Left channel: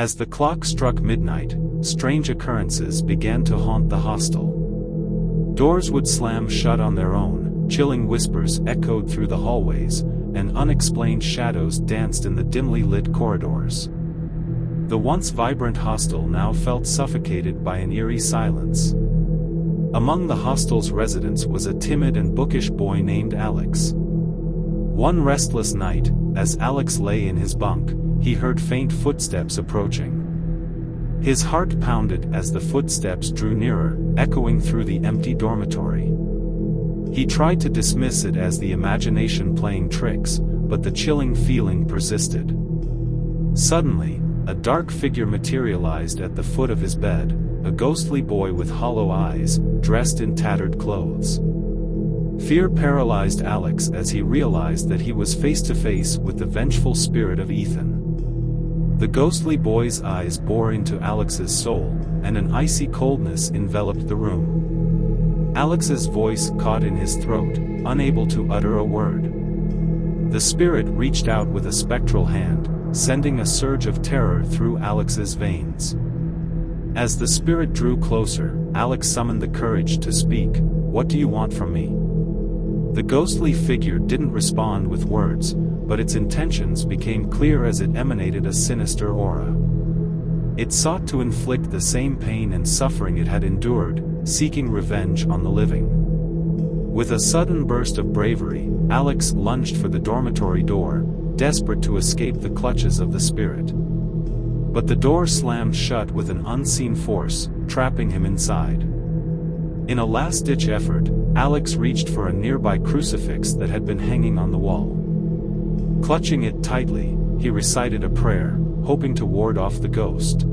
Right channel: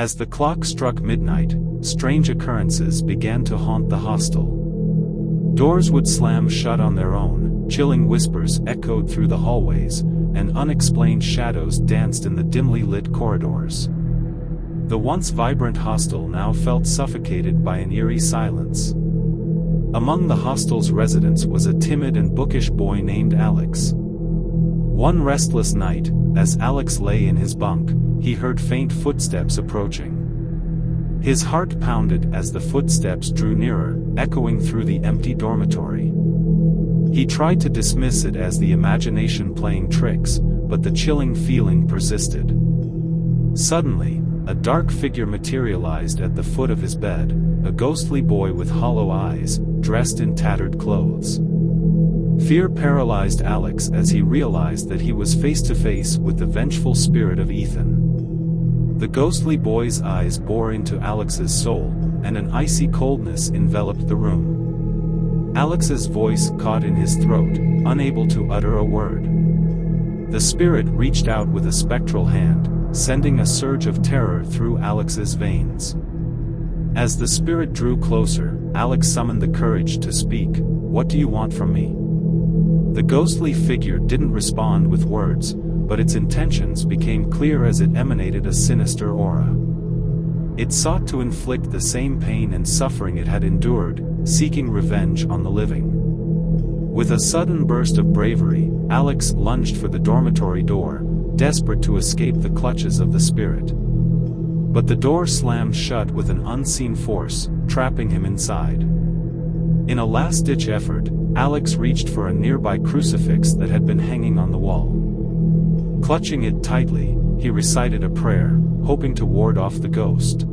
As the clock struck midnight, strange occurrences began to haunt the hostel. Doors would slam shut on their own, chilling whispers echoed through the hallways, and unexplained shadows danced in the dimly lit corridors. The once vibrant hostel now felt suffocated by an eerie silence. Among the hostel's residents was a timid and bookish boy named Alex. One restless night, as Alex lay in his bunk, he heard faint footsteps approaching. His heart pounded as the footsteps drew nearer, echoing through the empty dormitory. He tried to dismiss it as the imagination playing tricks, but the chilling feeling persisted. Suddenly, a dark figure materialized at the foot of his bed, a ghostly boy with hollow eyes, dressed in tattered clothes. Fear paralyzed Alex as he realized that he was face to face with the vengeful spirit of Ethan. The ghostly boy's eyes bore into Alex's soul, and an icy coldness enveloped the room. Alex's voice caught in his throat, unable to utter a word. The spirit reached out with a spectral hand, sending a surge of terror through Alex's veins. As the spirit drew closer, Alex summoned the courage to speak. "What do you want from me?" The ghostly figure didn't respond with words, but its intentions became clear as it emanated a sinister aura. It sought to inflict the same pain and suffering it had endured, seeking revenge on the living. With a sudden burst of bravery, Alex lunged for the dormitory door, desperate to escape the clutches of the spirit. But the door slammed shut with an unseen force, trapping him inside. In a last-ditch effort, Alex reached for a nearby crucifix that had been hanging on the wall. Clutching it tightly, he recited a prayer, hoping to ward off the ghost.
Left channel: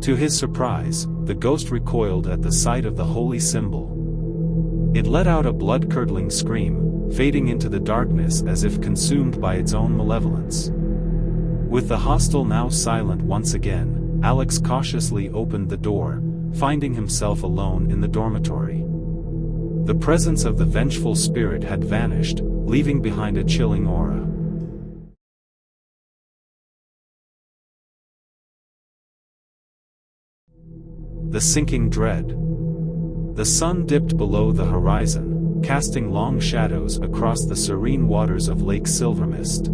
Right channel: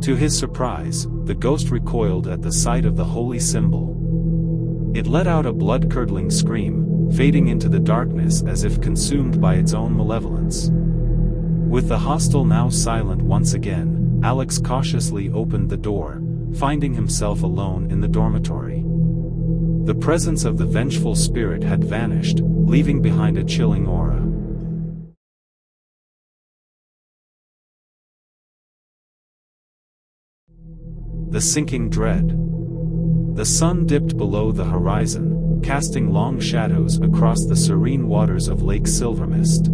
To his surprise, the ghost recoiled at the sight of the holy symbol. It let out a blood-curdling scream, fading into the darkness as if consumed by its own malevolence. With the hostel now silent once again, Alex cautiously opened the door, finding himself alone in the dormitory. The presence of the vengeful spirit had vanished, leaving behind a chilling aura. The sinking dread. The sun dipped below the horizon, casting long shadows across the serene waters of Lake Silvermist.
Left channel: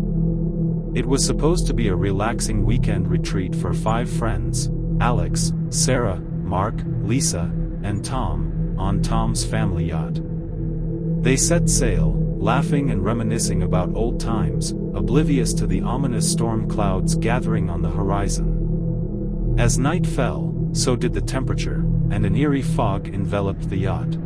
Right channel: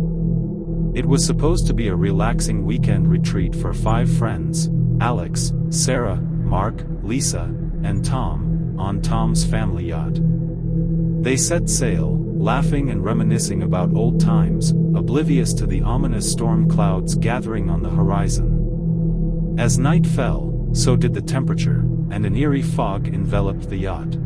It was supposed to be a relaxing weekend retreat for 5 friends, Alex, Sarah, Mark, Lisa, and Tom, on Tom's family yacht. They set sail, laughing and reminiscing about old times, oblivious to the ominous storm clouds gathering on the horizon. As night fell, so did the temperature, and an eerie fog enveloped the yacht.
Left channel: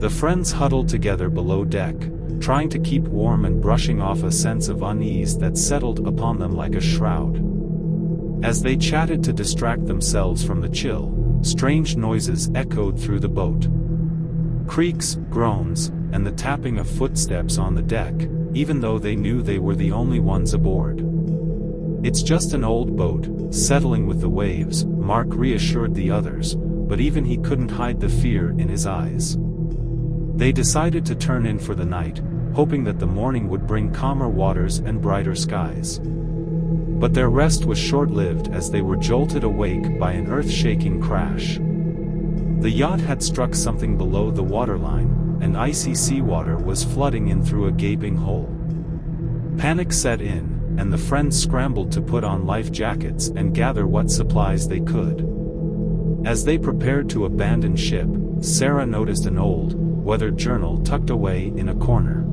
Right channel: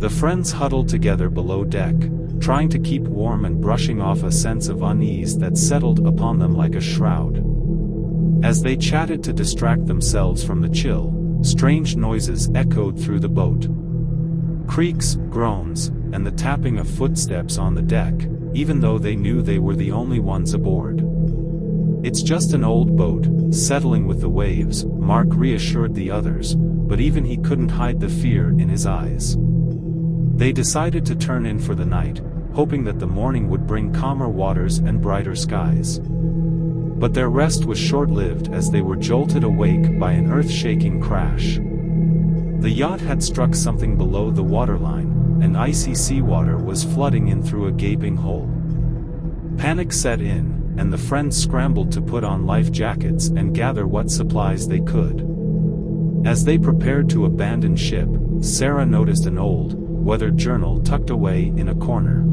The friends huddled together below deck, trying to keep warm and brushing off a sense of unease that settled upon them like a shroud. As they chatted to distract themselves from the chill, strange noises echoed through the boat. Creaks, groans, and the tapping of footsteps on the deck, even though they knew they were the only ones aboard. "It's just an old boat, settling with the waves," Mark reassured the others, but even he couldn't hide the fear in his eyes. They decided to turn in for the night, hoping that the morning would bring calmer waters and brighter skies. But their rest was short-lived as they were jolted awake by an earth-shaking crash. The yacht had struck something below the waterline, and icy seawater was flooding in through a gaping hole. Panic set in, and the friends scrambled to put on life jackets and gather what supplies they could. As they prepared to abandon ship, Sarah noticed an old, weathered journal tucked away in a corner.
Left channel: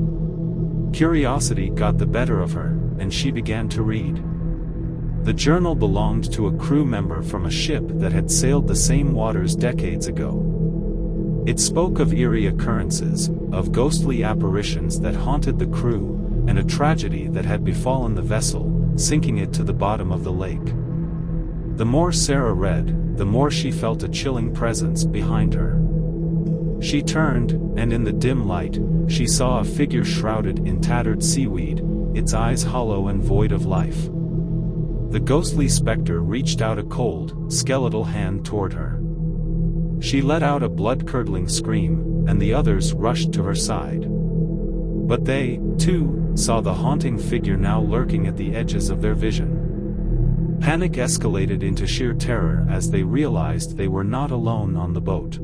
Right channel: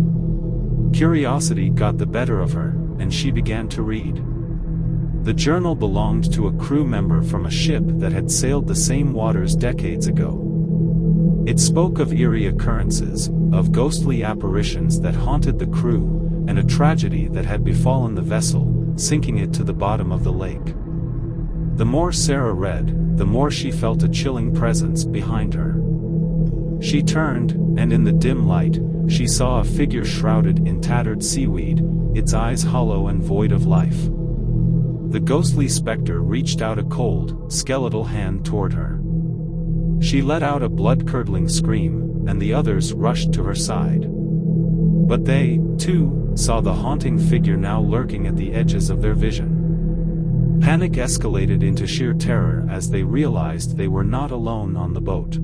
Curiosity got the better of her, and she began to read. The journal belonged to a crew member from a ship that had sailed the same waters decades ago. It spoke of eerie occurrences, of ghostly apparitions that haunted the crew, and a tragedy that had befallen the vessel, sinking it to the bottom of the lake. The more Sarah read, the more she felt a chilling presence behind her. She turned, and in the dim light, she saw a figure shrouded in tattered seaweed, its eyes hollow and void of life. The ghostly specter reached out a cold, skeletal hand toward her. She let out a blood-curdling scream, and the others rushed to her side. But they, too, saw the haunting figure now lurking at the edges of their vision. Panic escalated into sheer terror as they realized they were not alone on the boat.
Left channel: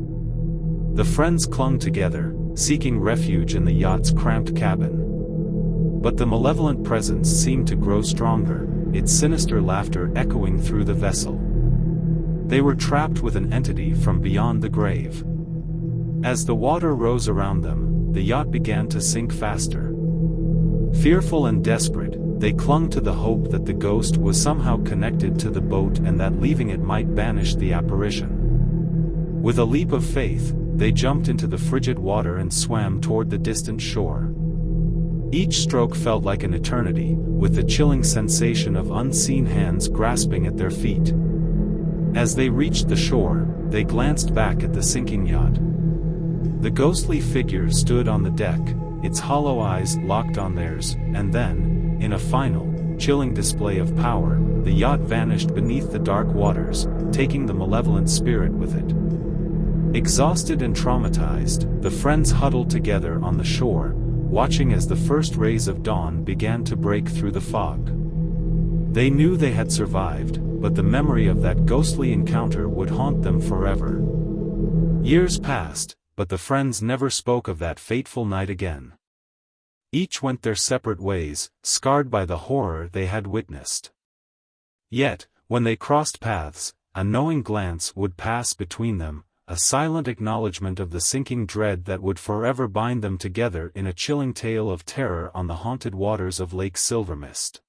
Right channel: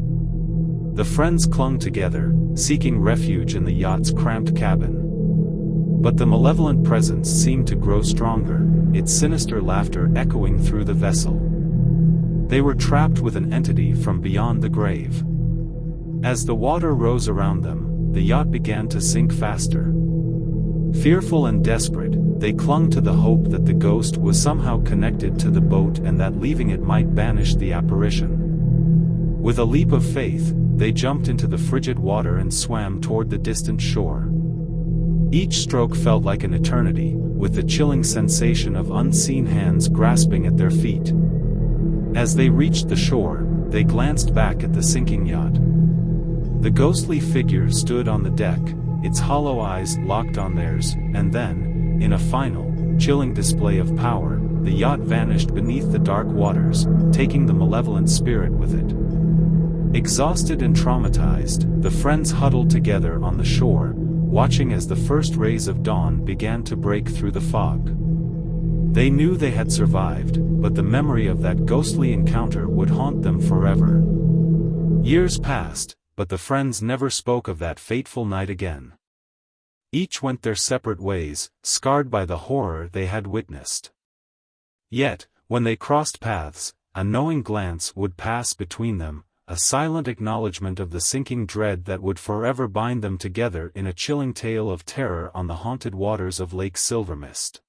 The friends clung together, seeking refuge in the yacht's cramped cabin. But the malevolent presence seemed to grow stronger, its sinister laughter echoing through the vessel. They were trapped with an entity from beyond the grave. As the water rose around them, the yacht began to sink faster. Fearful and desperate, they clung to the hope that the ghost was somehow connected to the boat and that leaving it might banish the apparition. With a leap of faith, they jumped into the frigid water and swam toward the distant shore. Each stroke felt like an eternity, with the chilling sensation of unseen hands grasping at their feet. As they reached the shore, they glanced back at the sinking yacht. The ghostly figure stood on the deck, its hollow eyes locked on theirs, and then, in a final, chilling display of power, the yacht vanished beneath the dark waters, taking the malevolent spirit with it. Exhausted and traumatized, the friends huddled together on the shore, watching as the first rays of dawn began to break through the fog. They knew they had survived, but the memory of that ghostly encounter would haunt them forever. Years passed, but the friends never spoke of that fateful night again. Each went their separate ways, scarred by the horror they had witnessed. Yet, when they crossed paths, a knowing glance would pass between them, a silent acknowledgement of the sinking dread that would forever bind them together in a chilling tale of terror on the haunted waters of Lake Silvermist.